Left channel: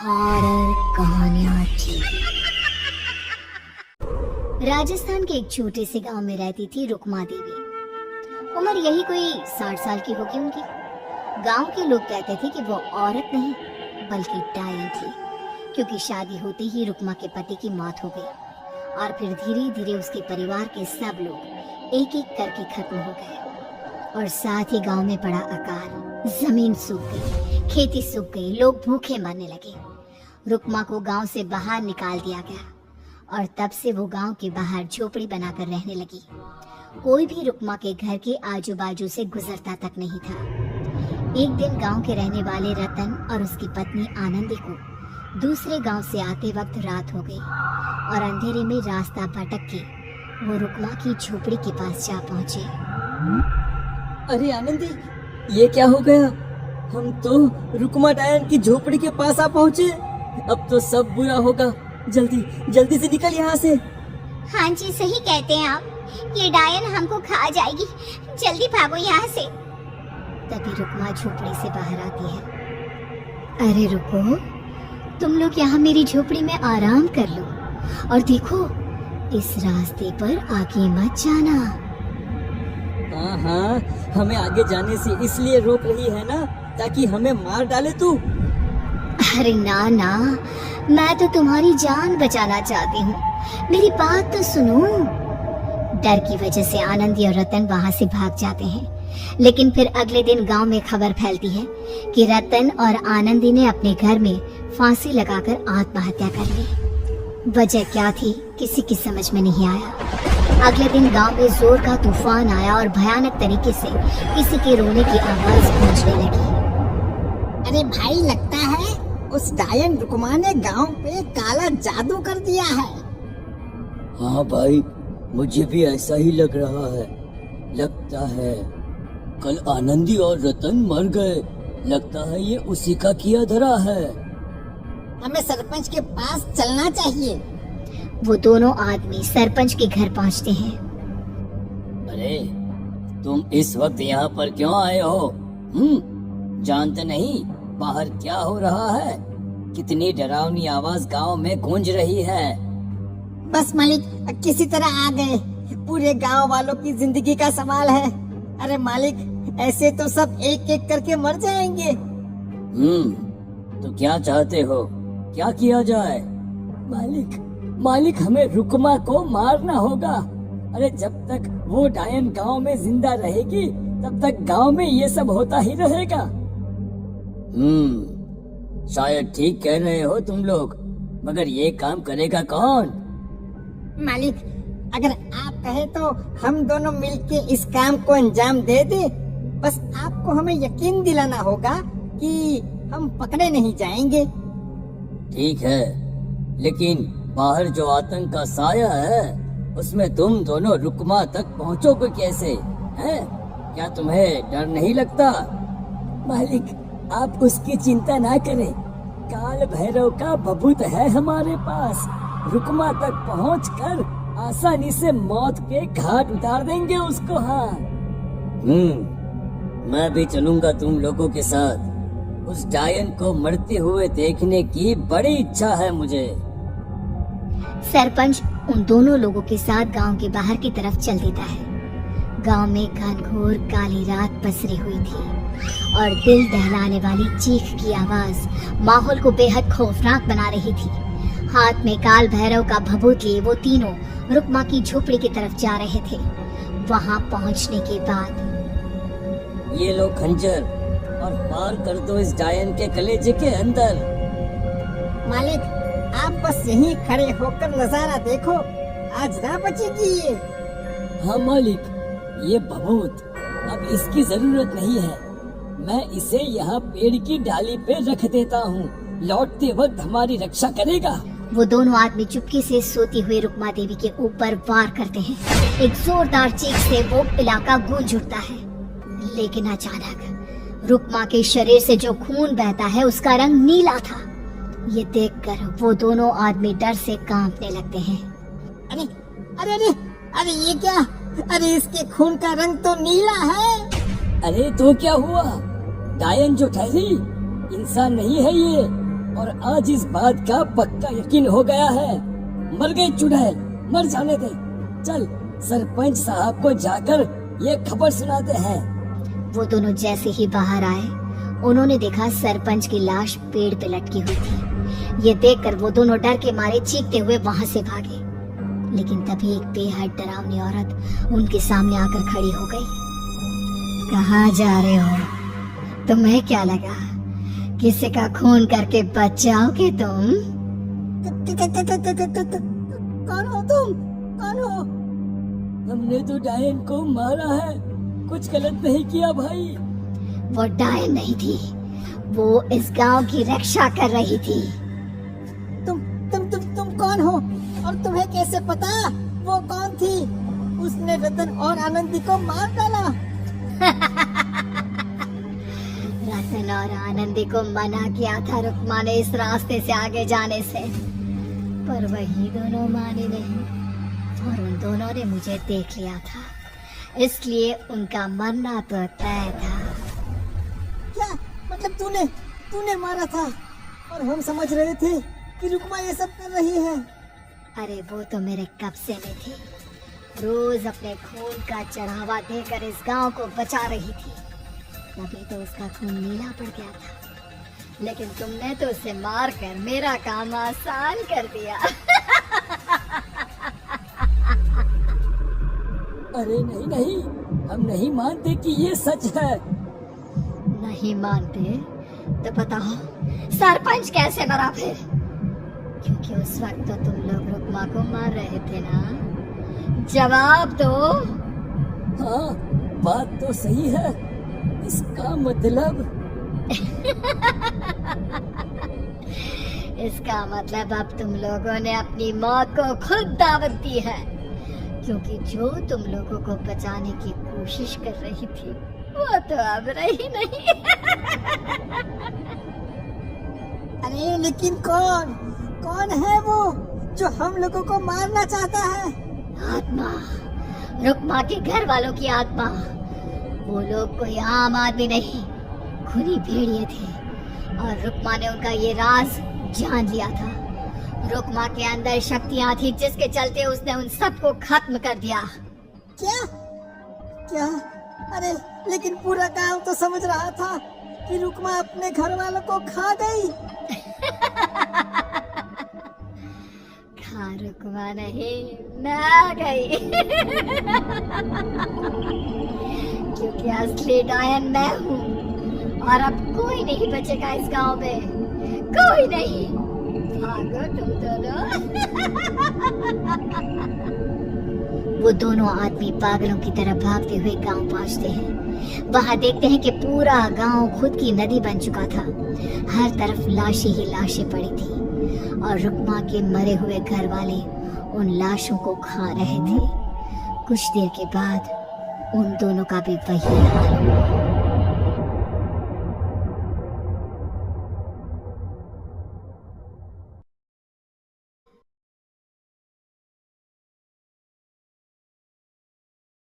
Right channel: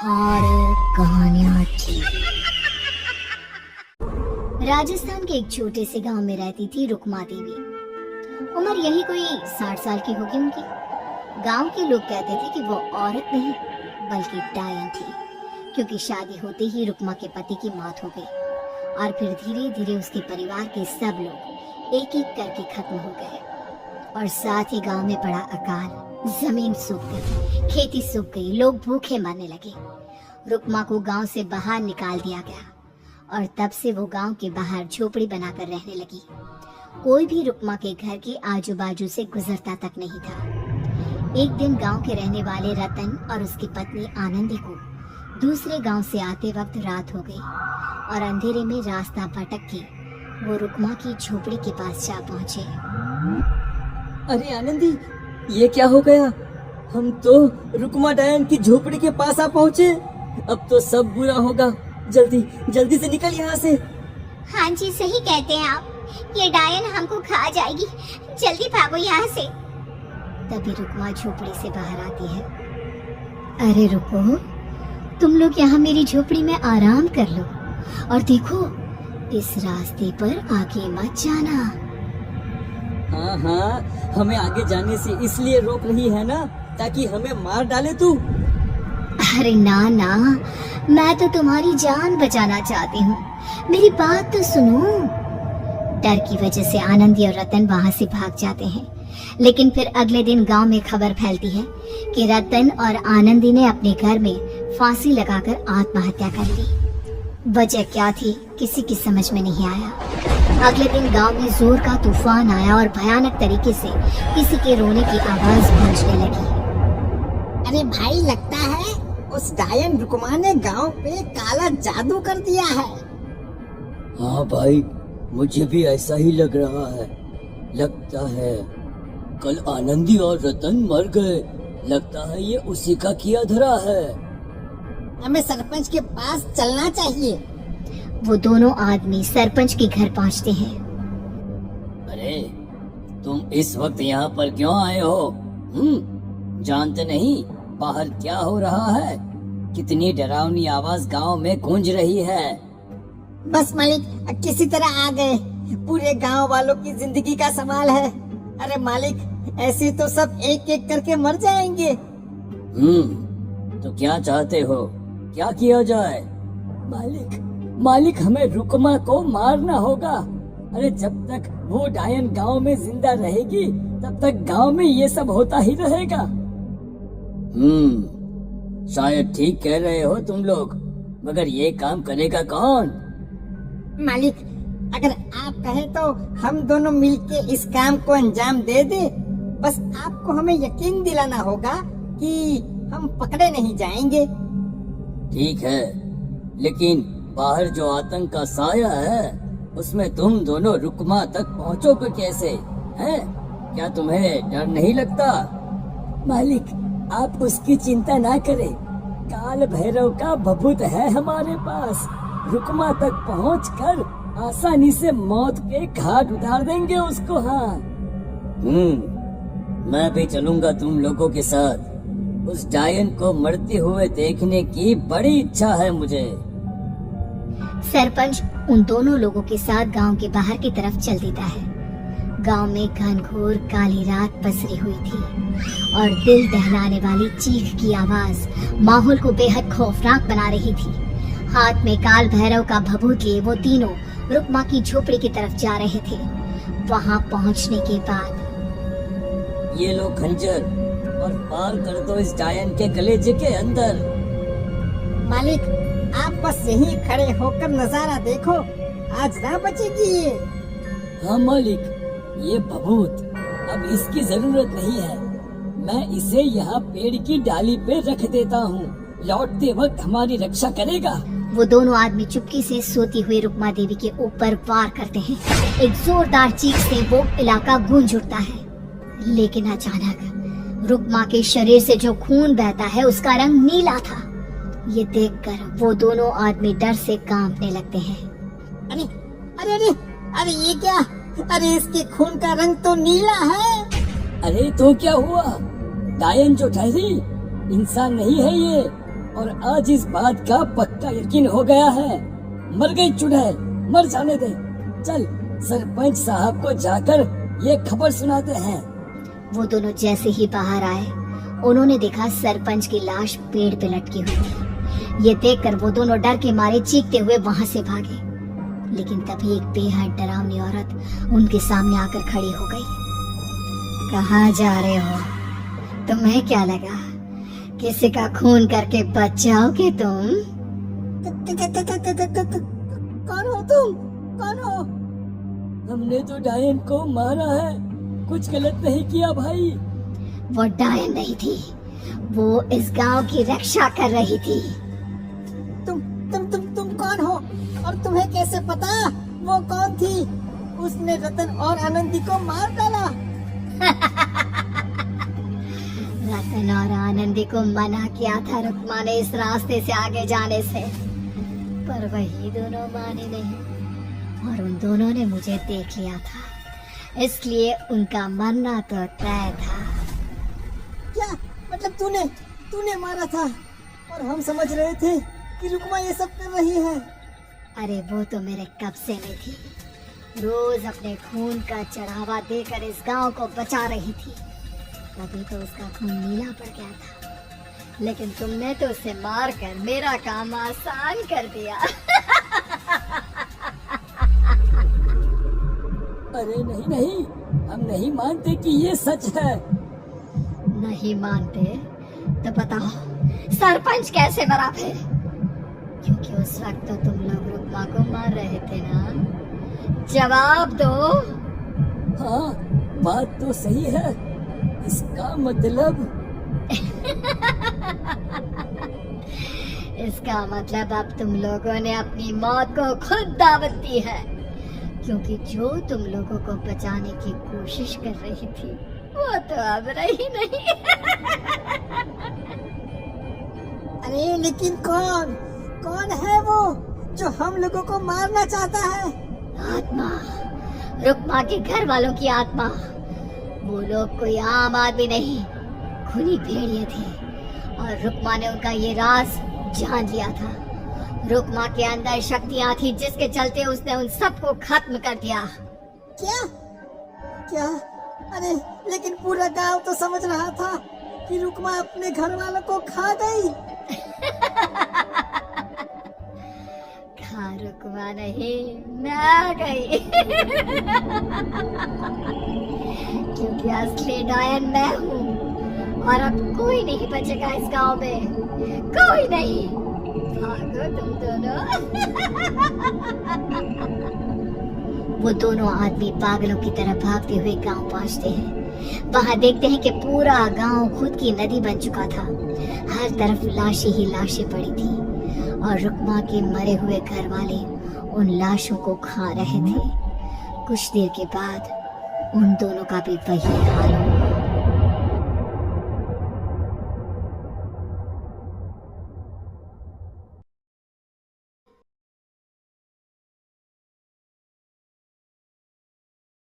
Horror कहानियां थी। राजस्थान के एक छोटे से गांव में रहती थी रुक्मा देवी। उम्र यही कोई 60 साल की होगी उनकी। गांव के लोग कहते थे कि वो औरत नहीं बल्कि डायन थी, क्योंकि शादी होते ही रुक्मा के पति की मौत हो गई और फिर धीरे धीरे उसके परिवार के सब लोग एक एक करके खत्म हो गए और साथ ही गांव में पड़ा अकाल। जमीन सूख गई, खेती सूख गई, लोग भूखे मरने लगे। रुक्मा को गांव से बाहर निकाल दिया गया और तब से वो गांव के बाहर झोपड़ी बनाकर रहने लगी। कोई भी रुक्मा के घर के आजू बाजू से गुजरता तक नहीं था। एक दिन गांव के रहने वाले रतन और उसकी पत्नी आनंदी को दूसरे गांव से आते वक्त रात हो गई और अंधेरे में रास्ता भटक के वो रुक्मा की झोपड़ी के पास जा पहुंचे। अरे आनंदी, ये क्या हो गया? हम तो रुक्मा डायन की झोपड़ी के पास आ पहुंचे। अब तो सब बुरा होगा। जल्दी जल्दी से निकल यहाँ से। हाँ जी, सही कहते हैं आप। ये डायन हमको खा जाएगी, जल्दी भागो यहाँ से। तभी रुक्मा झोपड़ी से बाहर आती है। अरे रुको, तुम लोग यहाँ मेरी झोपड़ी में आराम कर लो और देखो, इस रास्ते पर आगे मत जाना। हाँ हाँ, हमें आगे जाने से इसलिए रोक रही है ना, ताकि हमें मार डाले तू। अरे ना ना, मैं तो तुम्हारी जान बचाना चाहती हूँ, मेरी बात तो सुनो। डर की वजह से आनंदी और रतन वहाँ से भाग जाते हैं, लेकिन फिर अगले दिन गांव में खबर फैलती है कि रतन और आनंदी ने अपने घर में फांसी लगाकर आत्महत्या कर ली। वजह क्या थी किसी की समझ में नहीं आया। अगले दिन गांव में जोर का तूफान आया और भयानक तरीके से किसी के रोने की आवाज पहुंचने लगी। अरे भाई, लगता है उस डायन रुक्मा ने गांव पे काला जादू कर दिया है। हाँ भाई, मुझे भी ऐसा ही लग रहा है। लगता है कल आनंदी और रतन मर गए। लगता है ये उसी का किया धरा है। हमें सरपंच के पास चलना चाहिए। वो दोनों आदमी सरपंच के घर पहुंचते हैं। अरे तुम इस वक्त यहाँ पर क्यों आए हो? जानते नहीं बाहर क्या हो रहा है? कितनी डरावनी आवाज गांव में गूंज रही है। बस मालिक, किसी तरह आ गए। पूरे गांव वालों की जिंदगी का सवाल है। अरे मालिक, ऐसे तो सब एक एक करके मर जाएंगे। तो क्या चाहते हो? क्या किया जाए? मालिक, हमें रुक्मा को मारना होगा। अरे जब तक वो डायन गांव में जिंदा रहेगी तब तक गांव में ये सब होता ही रहेगा। शायद ठीक कह रहे हो तुम लोग, मगर ये काम करेगा कौन? मालिक, अगर आप कहे तो हम दोनों मिलके इस काम को अंजाम दे दे। बस आपको हमें यकीन दिलाना होगा कि हम पकड़े नहीं जाएंगे। ठीक है, लेकिन बाहर जो आतंक का साया है उसमें तुम दोनों रुक्मा तक पहुंचोगे कैसे? हैं? क्या तुम्हें डर नहीं लगता? मालिक, आप उसकी चिंता ना करें। काल भैरव का भभूत है हमारे पास। रुक्मा तक पहुंचकर आसानी से मौत के घाट उतार देंगे उसको। हाँ, मैं भी चलूंगा तुम लोगों के साथ। उस डायन को मरते हुए देखने की बड़ी इच्छा है मुझे। सरपंच उन दोनों लोगों के साथ गांव के बाहर की तरफ चल देता है। गांव में घनघोर काली रात पसरी हुई थी और दिल दहलाने वाली चीख की आवाज माहौल को बेहद खौफनाक बना रही थी। हाथ में काल भैरव का भभूत लिए वो तीनों रुक्मा की झोपड़ी की तरफ जा रहे थे। वहां पहुंचने के बाद ये लो खंजर और पार कर दो इस डायन के कलेजे के अंदर। मालिक, आप बस यहीं खड़े होकर नजारा देखो, आज ना बचेगी ये। हाँ मालिक, ये भभूत अब इसकी जरूरत नहीं है। मैं इसे यहाँ पेड़ की डाली पे रख देता हूँ। लौटते वक्त हमारी रक्षा करेगा। वो दोनों आदमी चुपके से सोती हुई रुक्मा देवी के ऊपर वार करते हैं। एक जोरदार चीख से वो इलाका गूंज उठता है, लेकिन अचानक रुक्मा के शरीर से जो खून बहता है उसका रंग नीला था। ये देखकर वो दोनों आदमी डर से कांपने लगते हैं। अरे अरे अरे अरे, ये क्या? अरे इसके खून का रंग तो नीला है। अरे तो क्या हुआ? डायन जो ठहरी इंसान नहीं है ये, और आज इस बात का पक्का यकीन हो गया है। मर गई चुड़ैल, मर जाने दे। चल सरपंच साहब को जाकर ये खबर सुनाते हैं। वो दोनों जैसे ही बाहर आए, उन्होंने देखा सरपंच की लाश पेड़ पे लटकी हुई थी। ये देखकर वो दोनों डर के मारे चीखते हुए वहां से भागे, लेकिन तभी एक बेहद डरावनी औरत उनके सामने आकर खड़ी हो गई। कहाँ जा रहे हो? तुम्हें क्या लगा किसी का खून करके बच जाओगे तुम? कौन हो तुम? कौन हो? हमने तो डायन को मारा है, कुछ गलत नहीं किया भाई। वो डायन नहीं थी, वो इस गांव की रक्षा कर रही थी। तुम कौन हो? और तुम्हें कैसे पता वो कौन थी? उसने रतन और आनंदी को मार डाला। रतन और आनंदी को मना किया था रुक्मा ने इस रास्ते से आगे जाने से, पर वही दोनों माने नहीं और उन दोनों ने मुझे देख लिया था, इसलिए उनका मरना तो तय था। क्या मतलब तूने मारा था? और हम समझ रहे थे कि रुक्मा ये सब कर रही है। अरे वो तो मेरे कब्जे में थी, रोज अपने खून का चढ़ावा देकर इस गांव को बचा रही थी, तभी तो उसका खून नीला पड़ गया था। लेकिन तुमने तो उसे मार कर मेरा काम आसान कर दिया। अरे नहीं, हम नहीं मानते कि ये सच है। नहीं मानते तो बताओ सरपंच कैसे मरा फिर? क्योंकि उस वक्त तो तुम लोग रुक्मा को मार रहे थे ना। जवाब दो। हाँ, बात तो सही है। इसका मतलब अब तुम लोगों ने अपनी मौत को खुद दावत दी है, क्योंकि जो तुम लोगों को बचाने की कोशिश कर रही थी वो तो अब रही नहीं। अरे लेकिन कौन है वो जो हम लोगों को मारना चाहता है? आत्मा, रुक्मा के घर वालों की आत्मा। वो लोग कोई आम आदमी नहीं, खूनी भेड़िए थे और रुक्मा ने उनका ये राज जान लिया था। रुक्मा के अंदर शक्तियां थी जिसके चलते उसने उन सबको खत्म कर दिया। क्या? अरे लेकिन पूरा गांव तो समझ रहा था कि रुक्मा अपने घर वालों को खा गई। रुक्मा नहीं, मैं आ गई। क्योंकि असली डायन मैं हूँ और अब कोई नहीं बचेगा इस गांव में, कोई नहीं। भागो तुम दोनों। वो दोनों आदमी पागलों की तरह भागते हुए गांव पहुंचते हैं। वहां देखते हैं कि पूरा गांव खुद की नदी बन चुका था। हर तरफ लाशें ही लाशें पड़ी थी और रुक्मा के मरे हुए घर वाले उन लाशों को खा रहे थे। कुछ देर के बाद उन दोनों का भी वही हाल हुआ।